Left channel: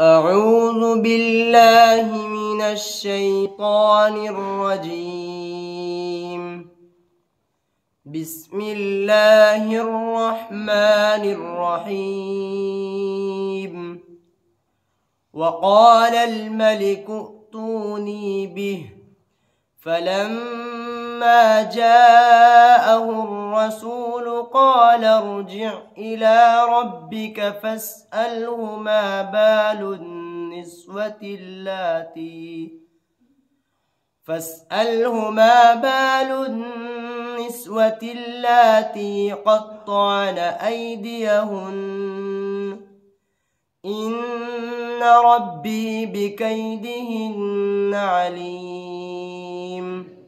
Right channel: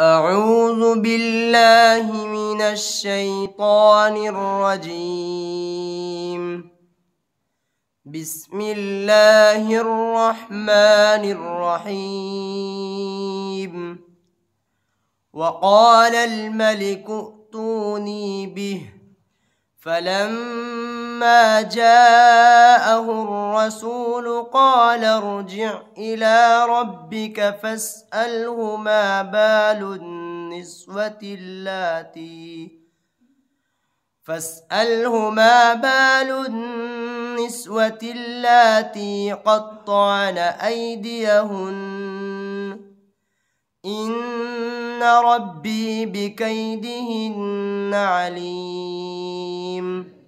أعوذ بالله من الشيطان الرجيم. بسم الله الرحمن الرحيم. وقال الملك ائتوني به، فلما جاءه الرسول قال ارجع إلى ربك فاسأله ما بال النسوة اللاتي قطعن أيديهن، إن ربي بكيدهن عليم.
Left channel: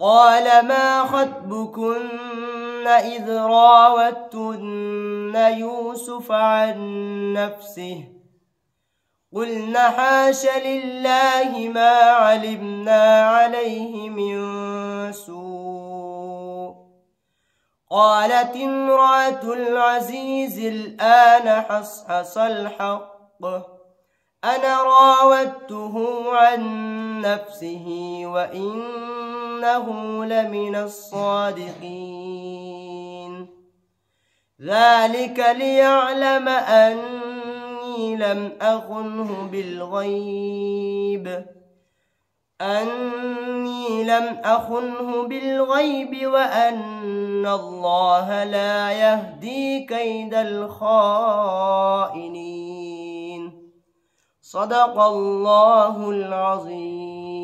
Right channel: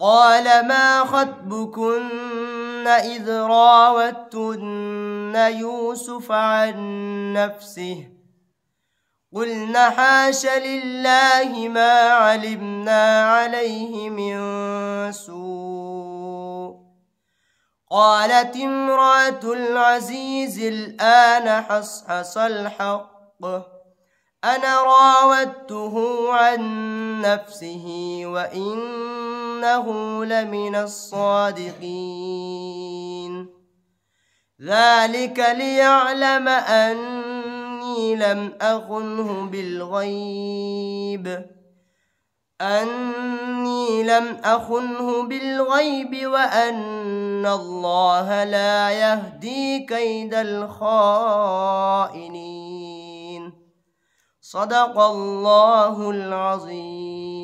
قال ما خطبكن إذ راوتن يوسف عن نفسه؟ قلنا حاش لله ما علمنا عليه من سوء. قالت امرأة العزيز الآن حصحص الحق، أنا راودته عن نفسه وإنه لمن الصادقين. ذلك ليعلم أني لم أخنه بالغيب وأن الله لا يهدي كيد الخائنين. صدق الله العظيم.